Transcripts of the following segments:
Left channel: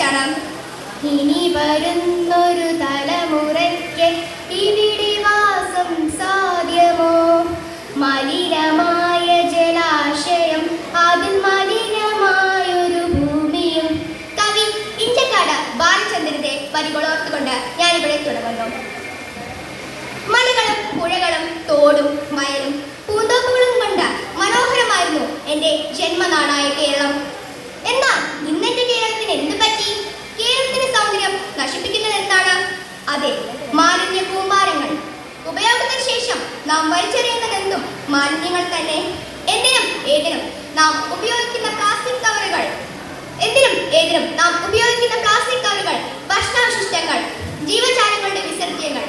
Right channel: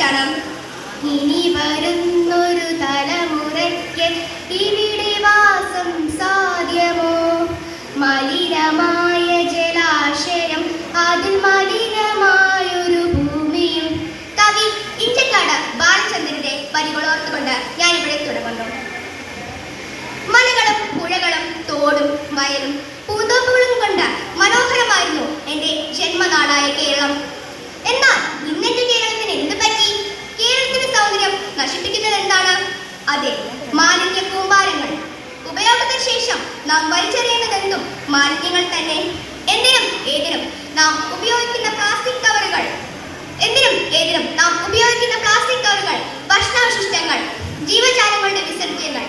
കുറിച്ചാണ്. ഇനി വരുന്നൊരു തലമുറയ്ക്ക് ഇവിടെ വാസം സാധ്യമോ? മലിനമായ ജലാശയം, അതിൽ മലിനമായൊരു ഭൂമിയും. കവി ഇഞ്ചക്കാട് ബാലചന്ദ്രന്റെ വരികളോർത്തുകൊണ്ട് ഞാനിവിടെ തുടങ്ങുന്നു. മലകളും പുഴകളും തോടും വയലും പൂന്തോപ്പുകളും കൊണ്ട് മനോഹരമായിരുന്നു എൻ്റെ ജന്മനാടായ കേരളം. എന്നാൽ ഇന്നെന്റെ കേരളത്തിന് എന്ത് പറ്റി? കേരളത്തിന്റെ സൗന്ദര്യം നശിപ്പിക്കുന്നത് എന്താണ്? അതെ, മാലിന്യ കൂമ്പാരങ്ങൾ. ഉപയോഗത്തിന് ശേഷം നാം വലിച്ചെറിയുന്നതെന്തും മാലിന്യങ്ങൾ തന്നെ. എന്തിനും ഏതിനും നാം ഉപയോഗിക്കുന്ന പ്ലാസ്റ്റിക് കവറുകൾ, ഭക്ഷണാവശിഷ്ടങ്ങൾ, ജീവജാലങ്ങളുടെ വിസർജ്യങ്ങൾ,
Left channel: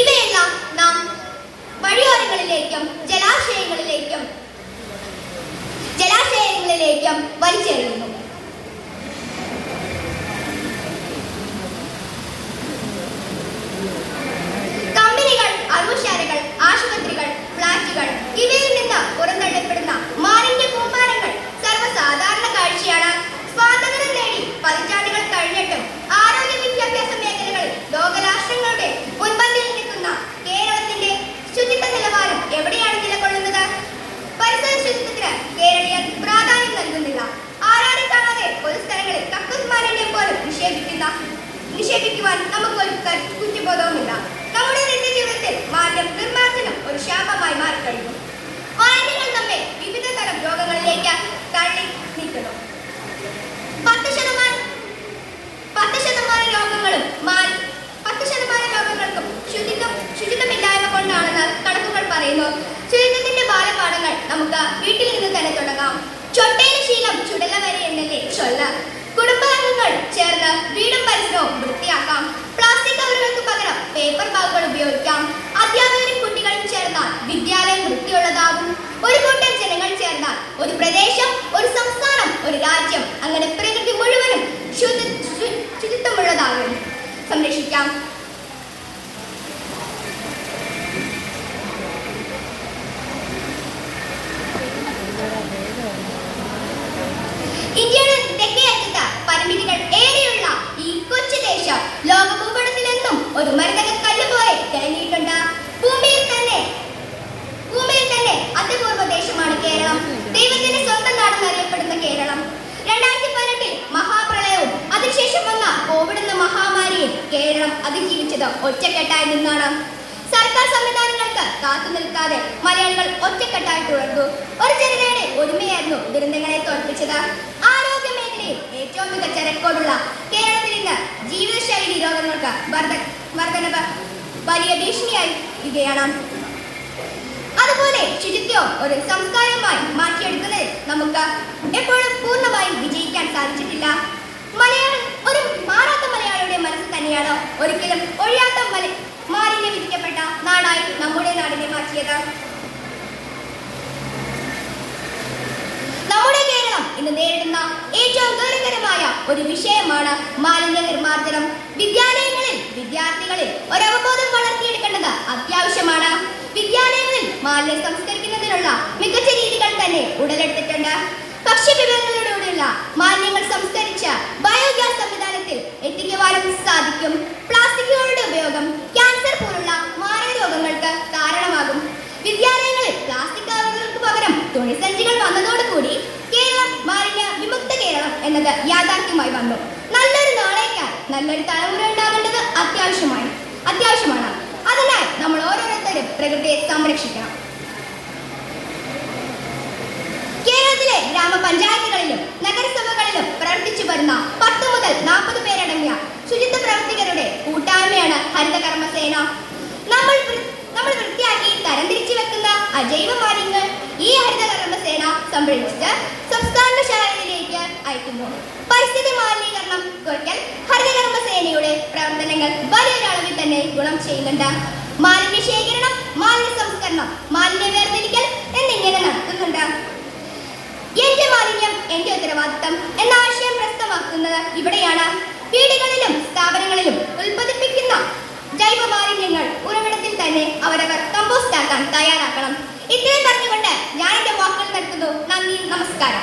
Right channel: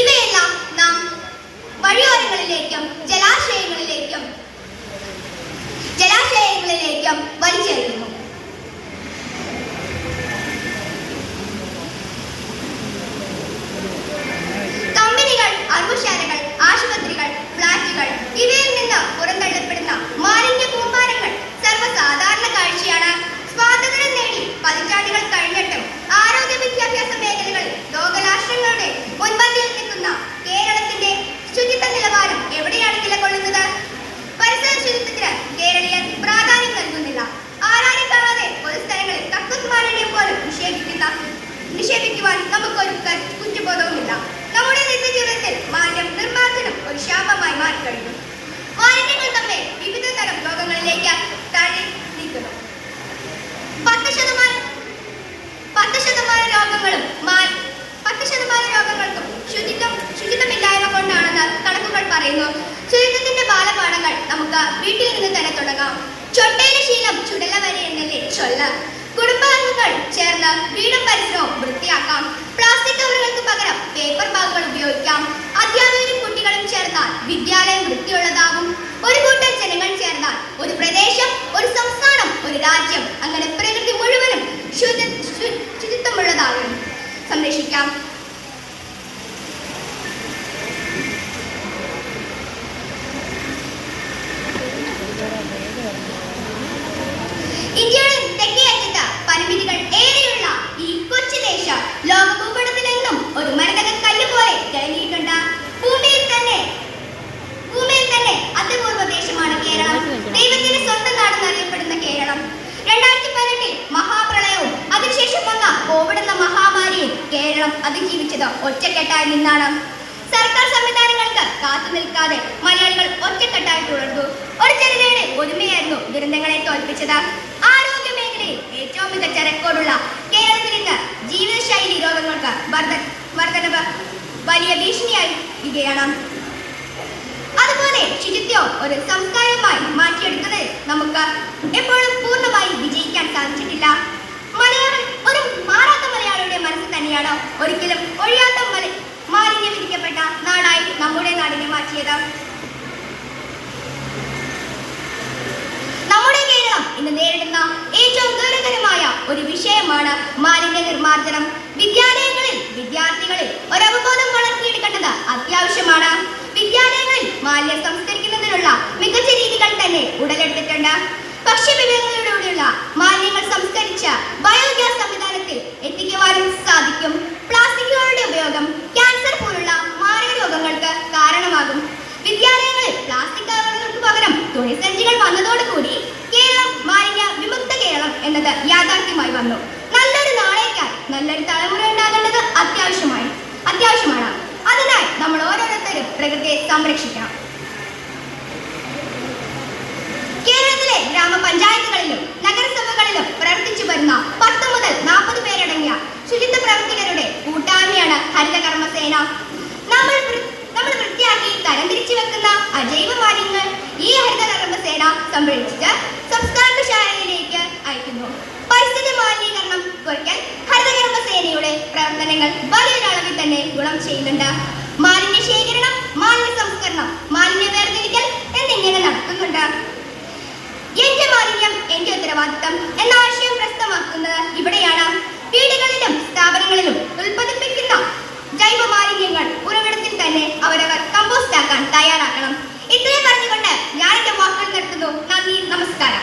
ഇവയെല്ലാം നാം വഴിയോരങ്ങളിലേക്കും ജലാശയങ്ങളിലേക്കും വലിച്ചെറിയുന്നു. കമ്പനികൾ, അറുശാലകൾ, ആശുപത്രികൾ, ഫ്ലാറ്റുകൾ ഇവയിൽ നിന്ന് പുറന്തള്ളപ്പെടുന്ന മാലിന്യ കൂമ്പാരങ്ങൾ സർവ്വസാധാരണ കാഴ്ചയാണ്. സ്വാതന്ത്ര്യം നേടി പതിറ്റാണ്ടുകൾ കഴിഞ്ഞിട്ടും ആരോഗ്യ വിദ്യാഭ്യാസ മേഖലകളിൽ ലോകരാഷ്ട്രങ്ങളുടെ മുൻപന്തിയിൽ നിൽക്കുന്ന കേരളത്തിന്റെ ശുചിത്വ നിലവാരം എവിടെയാണ് നിലകൊള്ളുന്നത്? പരിസര ശുചിത്വത്തിന് കേരളീയർ പ്രാധാന്യം നൽകുന്നില്ല. ആരാരും കാണാതെ പൊതുസ്ഥലങ്ങളിൽ കക്കൂസ് മാലിന്യം പോലും നിക്ഷേപിക്കുവാൻ നമുക്കൊരു കുറ്റബോധവുമില്ല. നമ്മുടെ നിത്യജീവിതത്തിൽ മാലിന്യ നിർമ്മാർജ്ജനം ഒരു ശാപമായി മാറിക്കഴിഞ്ഞു. മാലിന്യങ്ങൾ നമ്മെ വിവിധ തരം രോഗങ്ങളിലേക്ക് തള്ളി നീക്കുന്നു. 10% രോഗങ്ങൾക്കും ശുചിത്വമില്ലായ്മ കൊണ്ടാണെന്ന് കണക്കുകൾ പറയുന്നു. ശുചിത്വത്തിന്റെ ബാലപാഠങ്ങൾ നമുക്ക് വീട്ടിൽ നിന്ന് തന്നെ തുടങ്ങാം. ചൊട്ടയിലെ ശീലം ചുടല വരെ എന്നല്ലേ ചൊല്ല്. കുടുംബാംഗങ്ങൾ ചേർന്ന് വീടും പരിസരവും വൃത്തിയാക്കാം. പ്ലാസ്റ്റിക് കവറുകൾക്ക് പകരം പേപ്പർ ബാഗുകൾ ഉപയോഗിക്കാം. അധ്യാപകരും കുട്ടികളും ചേർന്നാൽ വിദ്യാലയം വൃത്തിയുള്ളതാവും. ഒരു കൂട്ടം ജനങ്ങൾ ചേർന്നാൽ ഒരു പ്രദേശം, ഒരു സംസ്ഥാനം, ഒരു രാജ്യം, അങ്ങനെ പ്രകൃതി മുഴുവനും ശുചിത്വമുള്ളതാകും. സംരക്ഷിക്കാം. ഇന്ത്യയുടെ തെക്കേ അറ്റത്ത് പരിമിതികൾ ഏറെയുള്ള ഈ കൊച്ചു ദേശം ലോക ഭൂപടത്തിൽ നിന്നും ഒരു മരതക കല്ല് പോലെ തെളിഞ്ഞിട്ടുണ്ട്. ഭൂമിയിൽ തന്നെ അതിപൂർവ ദേശമാണ് കേരളം. ദൈവത്തിന്റെ സ്വന്തം നാടെന്നറിയപ്പെടുന്ന കേരളം. 2018 മഹാപ്രളയവും അതിനുശേഷം വന്ന കോവിഡ് എന്ന മഹാമാരിയും കേരളം അതിജീവിച്ചത് ഒറ്റക്കെട്ടായി നിന്നാണ്. സർക്കാർ സംവിധാനങ്ങൾക്ക് കാത്തു നിൽക്കാതെ മലയാളികൾ ഒറ്റക്കെട്ടായി തുടർന്നു. ഒരു ജനതയുടെ ഒരുമയായിരുന്നു ദുരന്തങ്ങളെ തോൽപ്പിച്ചത്. ആരോഗ്യ മേഖലയിൽ ഏറ്റവും മികച്ച റെക്കോർഡുള്ള കേരളത്തിൽ ഇന്ന് ജീവിതശൈലി രോഗങ്ങൾക്ക് വർധനവ് വലിയ ഭീഷണിയായിരിക്കുകയാണ്. അതുപോലെ ശുചിത്വം ഒരു സംസ്കാരമായി മാറ്റിയെടുക്കുന്നത് നമുക്ക് എപ്പോഴും പൂർണ്ണമായി വിജയിക്കാൻ സാധിച്ചിട്ടില്ല. മലയാളം ഒരു മാറാത്ത മലയാളിയുടെ മനസ്സ് തന്നെയാണ് ഒരിക്കലും ഒഴിയാത്ത മാലിന്യം വിധിക്കപ്പെട്ട നാടായി നമ്മുടെ നാടിനെ മാറ്റിയത്. നമ്മുടെ കേരളം ഇന്ന് നേരിടുന്ന ഏറ്റവും ഗൗരവകരമായ ഒരു വിഷയമാണ് മാലിന്യ നിർമ്മാർജ്ജനം. വിദ്യാലയങ്ങളിൽ വിദ്യാർത്ഥികളിൽ ഒരു അവബോധം വളർത്തിയെടുക്കേണ്ടത് അത്യാവശ്യമാണ്. വിദ്യാലയങ്ങളിൽ മാലിന്യം സംസ്കരിക്കുന്നതിനുള്ള മികച്ച രീതികൾ തന്നെ ഉടലെടുത്തിട്ടുണ്ട്. ഭക്ഷ്യവിഭവങ്ങളിലൂടെയുള്ള മാലിന്യങ്ങൾ സംസ്കരിച്ച് ബയോഗ്യാസ് സംവിധാനത്തിൽ എത്തിക്കുവാനും സാധിക്കും. പ്ലാസ്റ്റിക്കുകളുടെ ഉപയോഗം ക്യാൻസർ പോലുള്ള മാരക രോഗങ്ങൾക്ക് കാരണമാകും. വിദ്യാലയങ്ങളിൽ പ്ലാസ്റ്റിക് കവറുകൾക്ക് പകരം തുണിസഞ്ചികൾ വന്നതോടുകൂടി കേരളം മാലിന്യ വിമുക്ത കേരളം എന്നത് യാഥാർത്ഥ്യമായി വന്നു. നല്ലൊരു നാളേക്കായി നല്ലൊരു തലമുറ ഉണ്ടാകേണ്ടത് അത്യാവശ്യമാണ്. അതിനായി നമ്മൾ ഓരോരുത്തരും പ്രകൃതിയെ സംരക്ഷിക്കണം. കേരളത്തിലെ ഗ്രാമപഞ്ചായത്തുകളിലും നഗരസഭകളിലും പ്രവർത്തിച്ചു വരുന്ന 10 മുതൽ 40 പേരടങ്ങിയ ശുചിത്വ പ്രവർത്തകരുടെ കൂട്ടായ്മയാണ് ഹരിതകർമ്മസേന. നമ്മൾ വൃത്തിയാക്കി തരംതിരിച്ചു വെക്കുന്ന അജൈവ മാലിന്യങ്ങൾ ഈ ഹരിതകർമ്മസേന സംരക്ഷിച്ച് സംസ്കരണശാലയിലേക്ക് അയക്കുന്നു. പരിസ്ഥിതി മാലിന്യീകരണം കുറയ്ക്കൽ ഹരിതകർമ്മസേനയുടെ പ്രവർത്തനങ്ങൾ വലിയൊരളവിൽ തന്നെ ഗുണം ചെയ്യുന്നുണ്ട്. മാലിന്യ ശേഖരണം, മാലിന്യ സംസ്കരണം, മാലിന്യ വേർതിരിക്കൽ എന്നിങ്ങനെ നടത്തുന്നുണ്ട്. എന്റെ മാലിന്യം എന്റെ ഉത്തരവാദിത്തം എന്ന ആശയം പ്രസ്തമാക്കുന്നത് ഇവിടെയാണ്. വീടുകളിലും സ്ഥാപനങ്ങളിലും ഉൽപ്പാദിപ്പിക്കുന്ന ജൈവ മാലിന്യങ്ങൾ ഉറവിടത്തിൽ തന്നെ അവരവർ കമ്പോസ്റ്റ് ആക്കാൻ തയ്യാറാക്കണം. ഇത്രയും പറഞ്ഞുകൊണ്ട് ഞാൻ എന്റെ വാക്കുകൾ നിർത്തുന്നു. നന്ദി, നമസ്കാരം.